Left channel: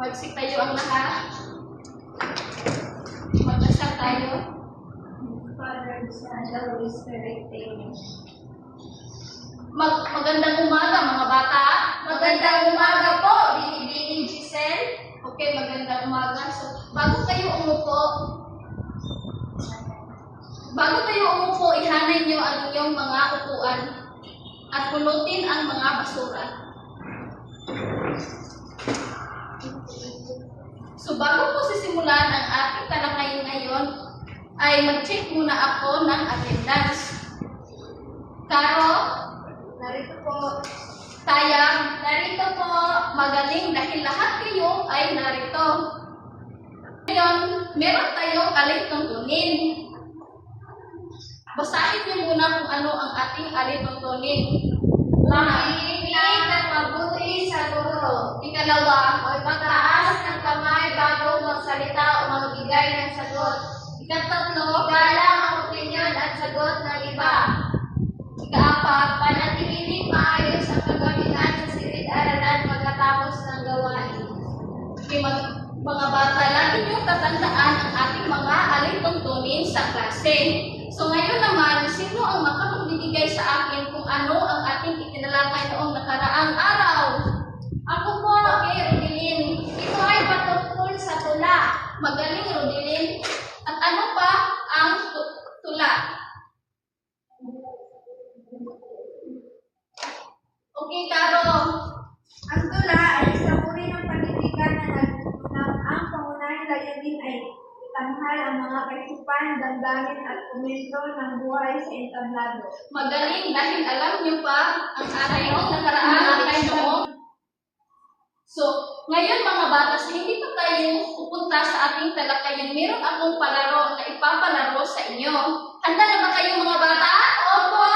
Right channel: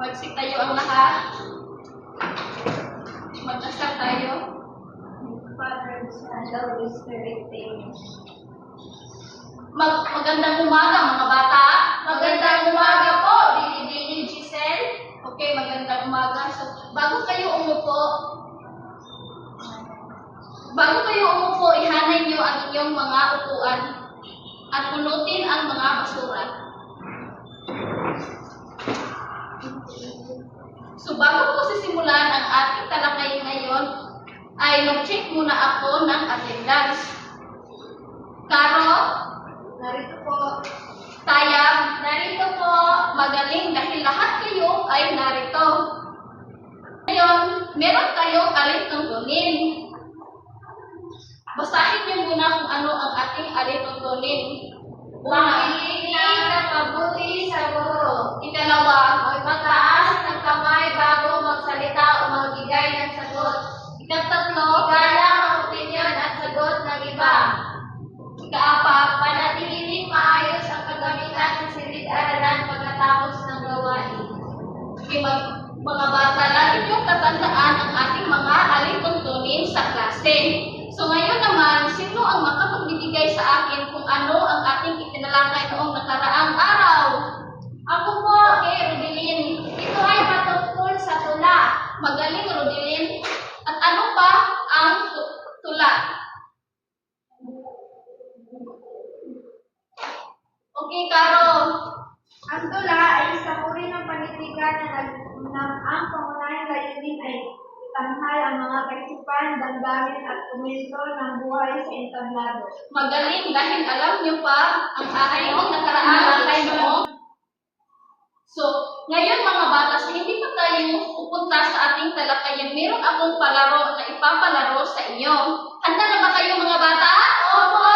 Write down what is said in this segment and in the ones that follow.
Magsitayo ang lahat. Magdasal tayo. Father, Son, and Holy Spirit, Amen. Magandang umaga mga bata. Magandang umaga po, Binibining Giselle. Okay, magandang umaga. So, bago kayo umupo, ihanay nyo ang inyong mga upuan at pulutin ang mga basura. So, bago po sisimulan ang ating talakayin ngayon, ay mag-check muna ako ng attendance. Karo, Narito po. Tayang, Narito po. magaling dahil lahat kayo ay narito. Ngayon, meron tayong alituntunin. Basahin niyo muna kung ano ang ating alituntunin. Makikinig at mabuti sa guro. Ikalawa, Huwag magtaas ng kamay bago magsalita o magbigay ng sagot. ikatatlo, Igalang ang opinyon at sagot ng iba. ikaapat, Panatilihin maayos ang kagamitan ng silid-aralan pagkatapos ng gawain. mga bata, lagi niyong tatandaan ang ating mga alituntunin sa klase. So ngayon naman, sino ang makapagbibigay sa akin kung ano ang ating itinalakay noong nakaraang araw? Ako po. Okay, Rodilin. Ito ay patungkol sa tula. Magaling, Rodilin. At ano pa ang tula? Okay, Caro. Ang tula ay isang uri ng panitikan na ang pangunahing layunin ay itanghal ang mga kaisipan, damdamin at komento ng buhay sa entablado. Magaling dahil alam niyo pa ang aking nakaraang lakay noong. So, ngayon mga bata, sa hindi pa tayo pupunta sa ating talakayan, meron akong palaro na ipapalaro sa inyo. Handa na ba kayo mga bata? Opo!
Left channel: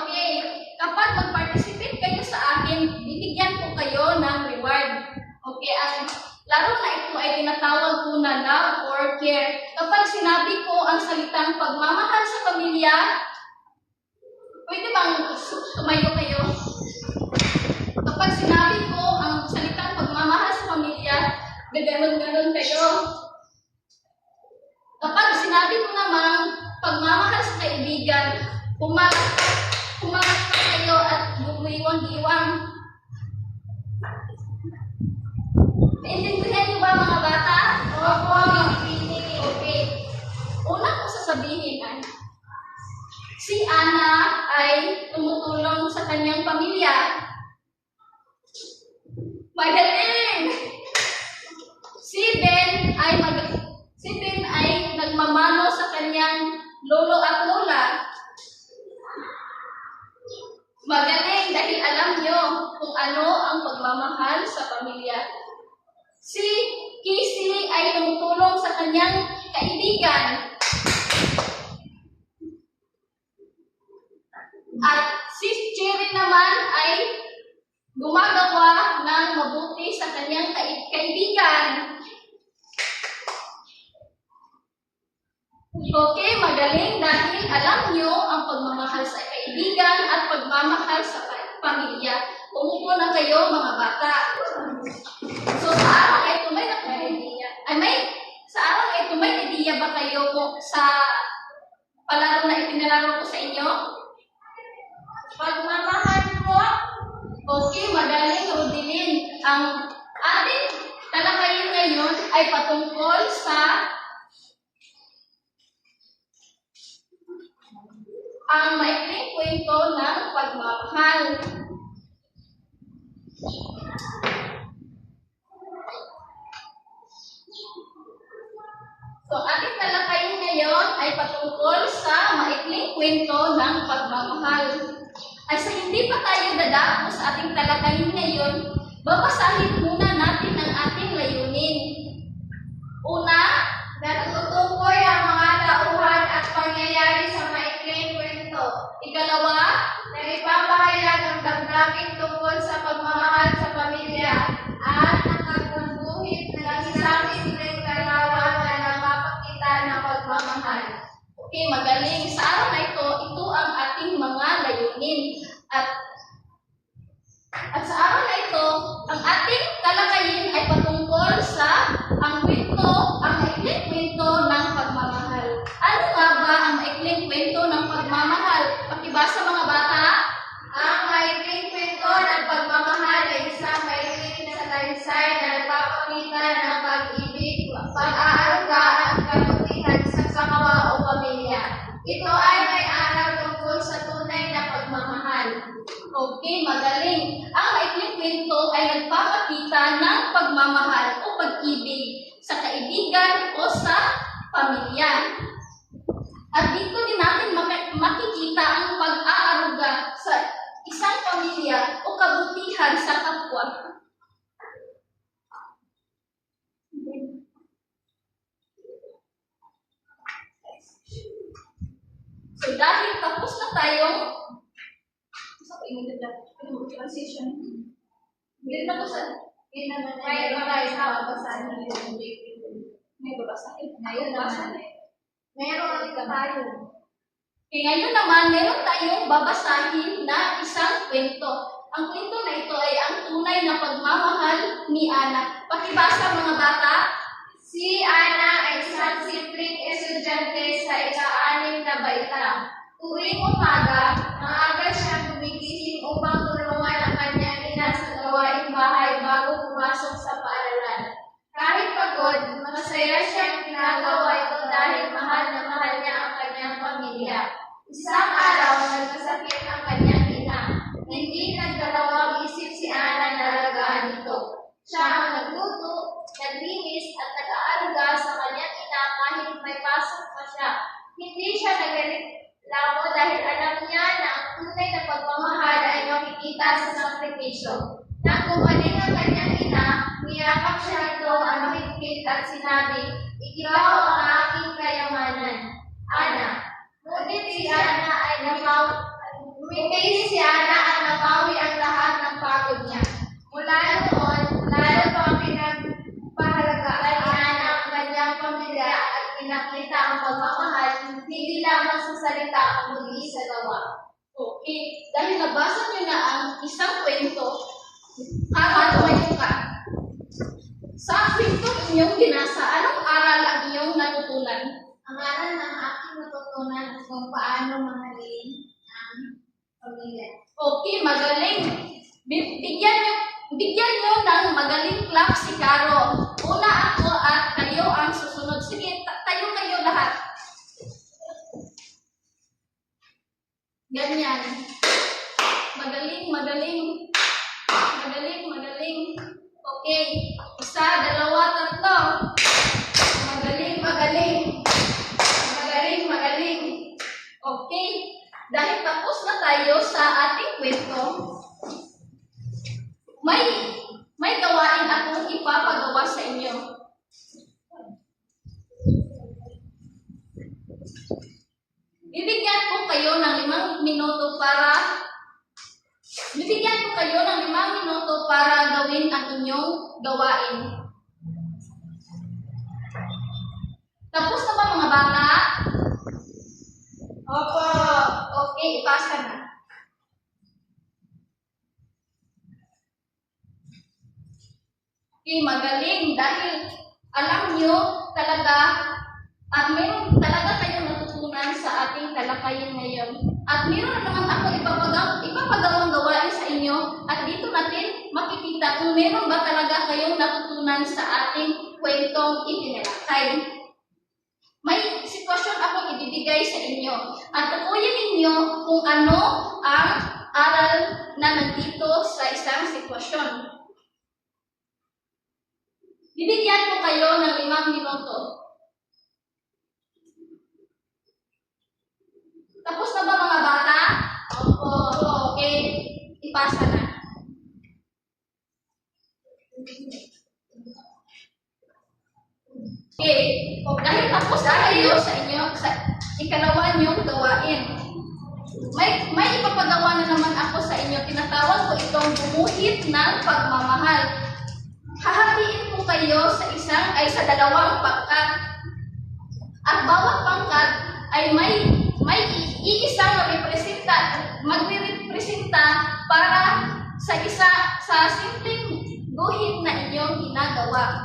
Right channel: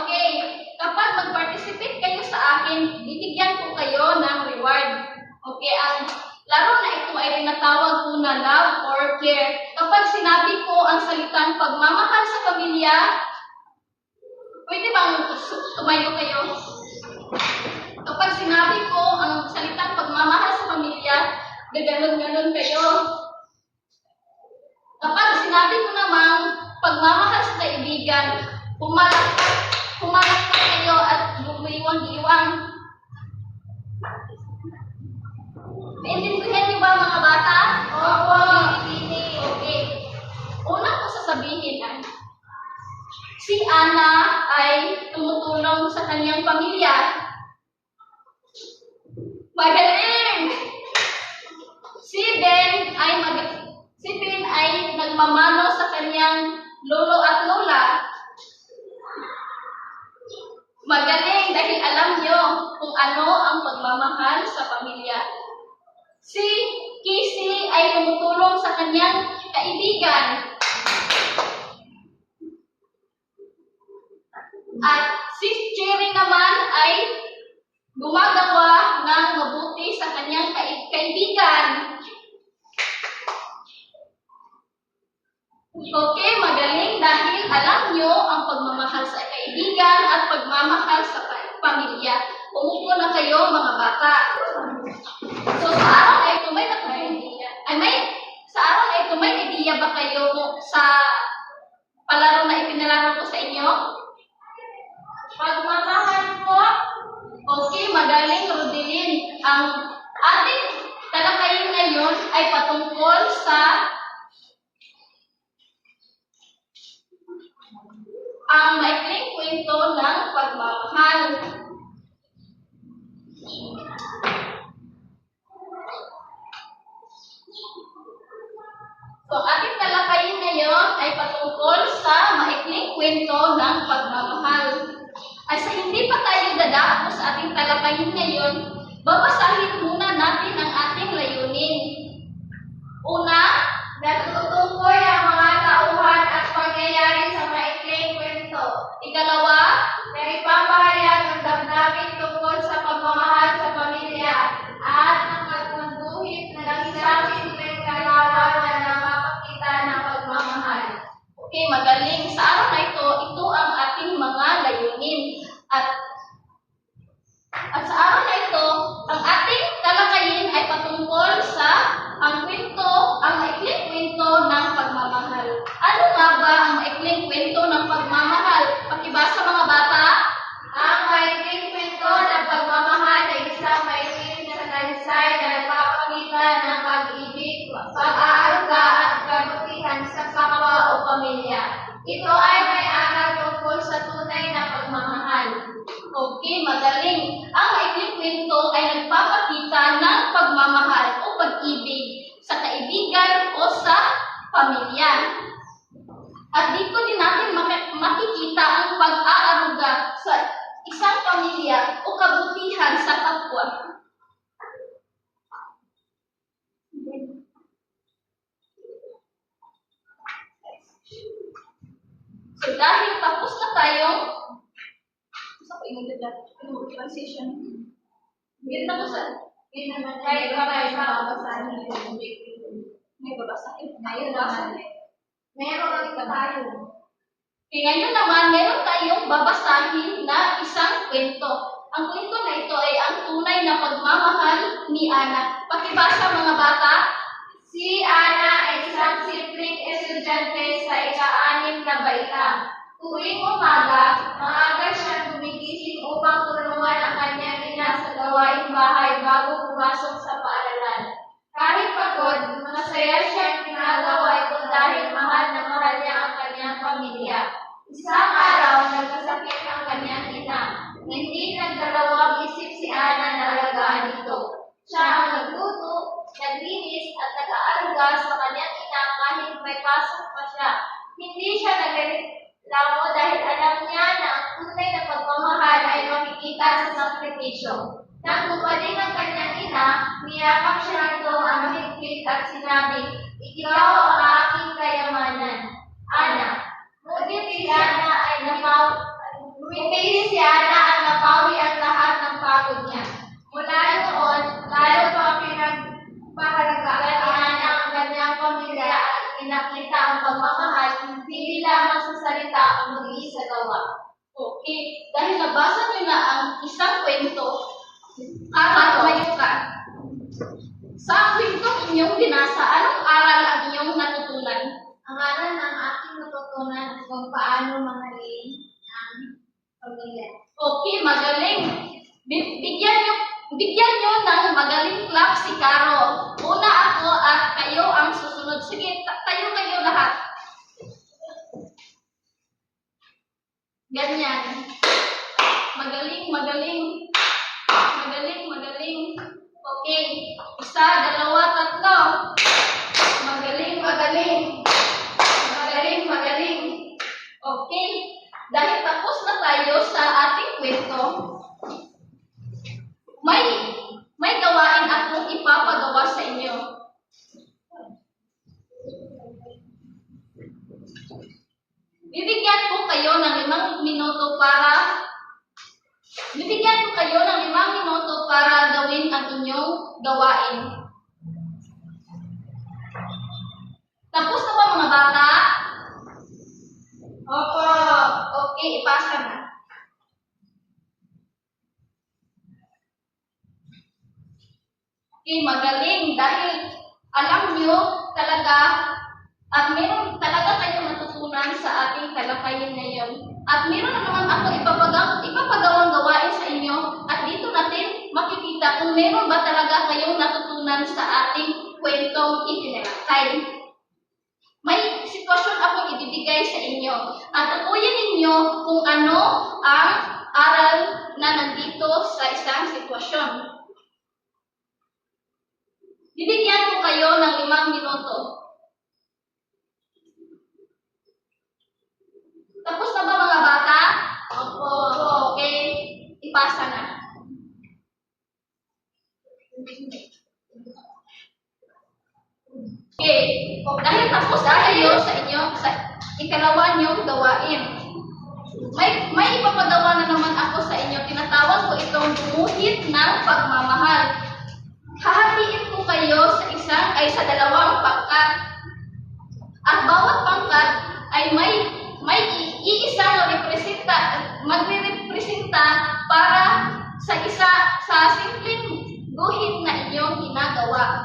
Okay. Kapag mag-participate kayo sa akin, bibigyan ko kayo ng reward. Okay, ang laro na ito ay tinatawag po na love or care. Kapag sinabi ko ang salitang pagmamahal sa pamilya, pwede bang tumayo kayo? Kapag sinabi ko ang salitang pagmamahal sa pamilya, gaganon-ganon kayo. Kapag sinabi ko namang pagmamahal sa kaibigan, pumalakpak kayo at gumiwang-giwang. Naintindihan niyo ba mga bata? Opo! Okay. Una ko sasabihin ay, si Ana ay tumutulong sa kanyang pamilya. Magaling! Si Ben ay nagmamano sa kanyang lolo at lola. Magaling dahil alam niyo kung ano ang pagmamahal sa pamilya. Si Kisi ay tumutulong sa kanyang kaibigan. At si Cherry naman ay gumagawa ng mabuti sa kanyang kaibigan. Okay, magaling dahil alam nyo ang pagmamahal sa kaibigan at pagmamahal sa pamilya. Umupo na kayo mga bata. So sa araw na ito may idea ba kayo sa palaro na ipinalaro ko sa inyo? Pagmamahal po. Okay, magaling, Rodilin. Ang ating talakayin ngayon ay patungkol sa ang maikling kwento ng pagmamahal. So, ating talakayin ngayon ay patungkol sa maikling kwento ng pagmamahal. Ay sa hindi pa tayo dadako sa ating talakayin ngayon, babasahin muna natin ang ating layunin. Una, Natutukoy ang mga tauhan at pangyayari sa maikling kwento. ikalawa, Na ipapahayag ang damdamin tungkol sa pagmamahal sa pamilya at nakatangguhit ng isang simpleng kalawan na napapakita ng pagmamahal. okay, magaling. Sa araw na ito ang ating mga layunin. At sa araw na ito, ang ating talakayin ay patungkol Okay, magaling. Ang maikling kwento ay nagpapakita ng pagmamahal o pag-ibig sa kaibigan o sa pamilya. At dito din natin makikita ang pag-aaruga sa isang pamilya o kabutihan sa kapwa. So dahil tapos na tayong transition. Hindi na po sa Hindi naman tayo babasahin. may babasahin. Ngayon naman, meron ulit tayo. Okay, ngayon naman, meron tayong babasahin na isang kwento. Ang kwento na ito ay ang tunay na pagmamahal ni Ana. Pakibasa mga bata. Si Ana ay isang simpleng estudyante sa ika-6 na baitang. Tuwing umaga, maaga siyang gumigising upang tulungan ang kanyang ina sa gawaing bahay bago pumasok sa paaralan. Kahit pagod, masaya siyang ginagawa ito dahil mahal na mahal niya ang kanyang pamilya. Isang araw, nagkasakit ang kanyang ina. Hindi nagdalawang isip si Ana na alagaan ito. Siya ang nagluto, naglinis at nag-aaruga sa kanyang ina kahit may pasok pa siya. Hindi siya nagreklamo dahil alam niya na ang tunay na pagmamahal ay makikita sa sakripisyo. Nang gumaling ang kanyang ina, niyakap siya nito ang higpit at sinabi, "Ikaw ang aking kayamanan, Ana." Ngunit si Ana ang napawi ang lahat ng pagod niya. Mula noon, lalo pang pinagpahalagaan ni Ana ang kanyang pamilya at pinakita ang pagmamahal hindi lamang sa salita kundi sa gawa. Okay, dahil nabasa niyo na ang isang kwento, tumayo ka. Sa kwentong inyong binasa, anong aral ang inyong natutunan? Ang aral ng aking natutunan kung paano mahalin ang pamilya. Okay, magaling. Bigyan niyo ng magaling clap si Caro. Una ako at kayo ang susunod. Sige, tayo kayo lahat. Ganyan. Magaling, magaling. Magaling, magaling. Okay. Isa, dalawa, tatlo. Magaling, magaling. Magaling, magaling. Okay. Dahil tapos na tayo sa ating kwento, may gawain akong ipapagawa sa inyo. Bibigyan ko kayo ng 5 minuto para gawin ang inyong gawain. Tapos na ba mga bata? Opo. Okay, ipasa na. Okay, magaling dahil alam nyo talaga at meron talaga kayong matutunan sa ating talakayin ngayon. At meron na naman ako ipapagawang gawain sa inyo at dito natin makikita kung meron ba talaga kayong natutunan sa ating kwentong itinalakay. May sitwasyon akong ibibigay sa inyo at tukuyin ninyo kung ano ang aral na nandito sa isang sitwasyon. Bibigyan ko kayo ng 5 minuto. Tapos na ba mga bata? Opo. Okay, ipasa na. Okay, dahil tapos na kayo sa ikalawa niyong gawain. May ipapagawa na naman ako sa inyo. Tinatawag ko itong gumuhit ng pagmamahal. Hahatiin ko kayo sa 2 pangkat. At bawat pangkat ay may iisang magre-representa para sa simpleng guhit na inyong ginagawa.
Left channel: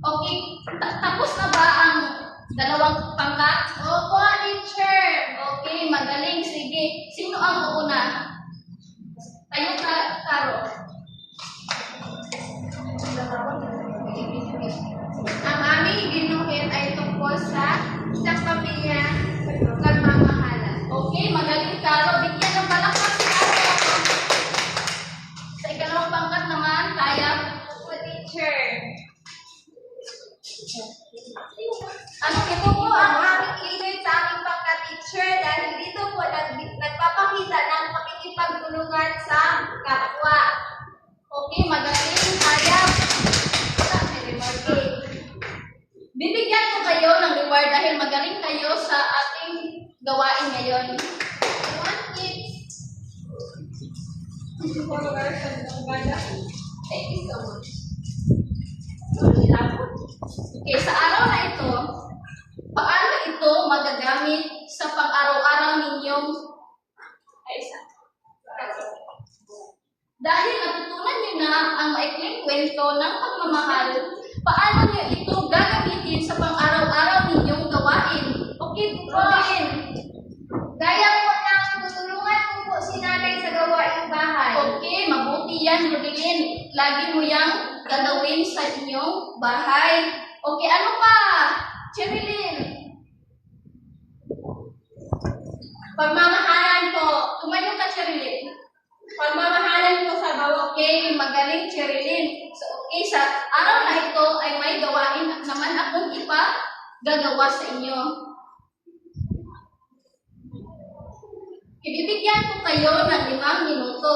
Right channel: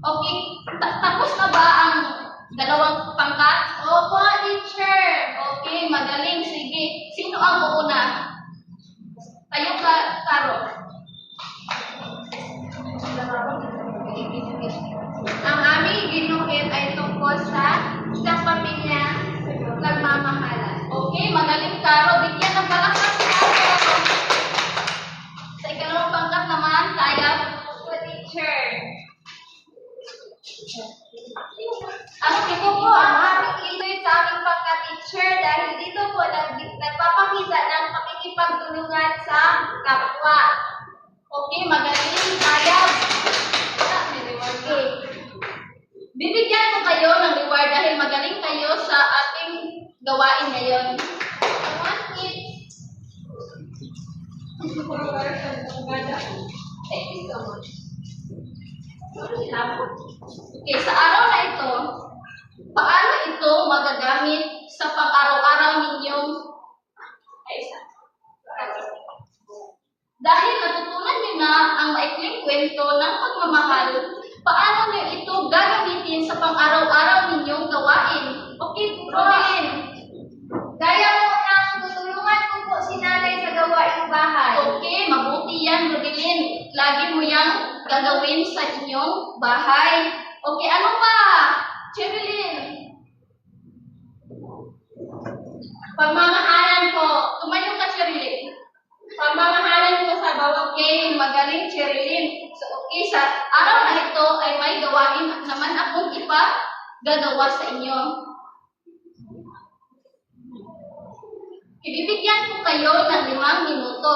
Okay, tapos na ba ang 2 pangkat? Opo, teacher. Okay, magaling. Sige, sino ang uuna? Tayo ka, Caro. Ang aming ginuhit ay tungkol sa isang pamilya nagmamahalan. One kids. Thank you so much. Okay, sa araw na ito, paano ito magagamit sa pang-araw-araw ninyong dahil natutunan niyo na ang maikling kwento ng pagmamahal, paano niyo ito gagamitin sa pang-araw-araw ninyong gawain? Okay, Robin. Gaya po ng tutulungan ko po si nanay sa gawaing bahay. Okay, mabuti yan, Rodelin. Lagi mo yang gagawin sa inyong bahay. Okay, ano pa? Cherilyn. Pagmamahalan po. Tumayo ka, Cherilyn. Pagmamahalan po sa bawat Okay, magaling, Cherilyn. So, okay, sa araw na ito ay may gawain naman akong gagawa sa inyo. Ibibigyan ko kayo ng 5 minuto.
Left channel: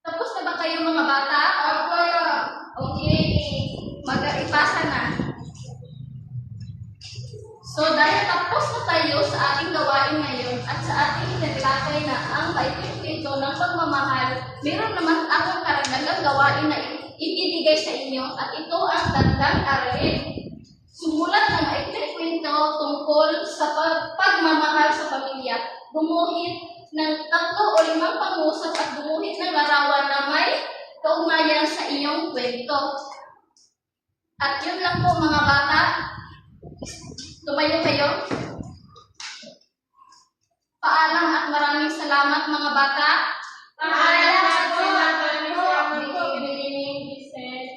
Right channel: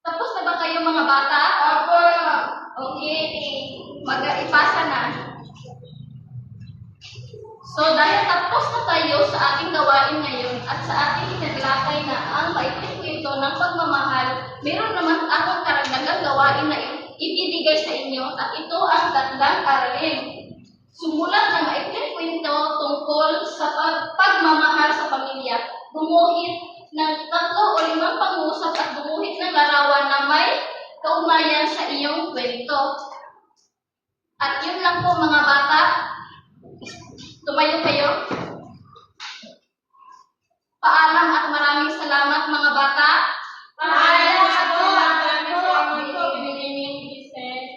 Tapos na ba kayo mga bata? Opo. Okay, mag-ipasa na. So, dahil tapos na tayo sa ating gawain ngayon at sa ating inilakay na ang maikling kwento ng pagmamahal, meron naman akong karagdagang gawain na ibibigay sa inyo at ito ang gandang aralin. Sumulat ng maikling kwento tungkol sa pagmamahal sa pamilya. Gumuhit ng 3 o 5 pangusap at gumuhit ng larawan na may kaugnayan sa iyong kwento. At yun lang po mga bata. Tumayo kayo. Paalam at maraming salamat mga bata. Paalam po. Good evening, Giselle.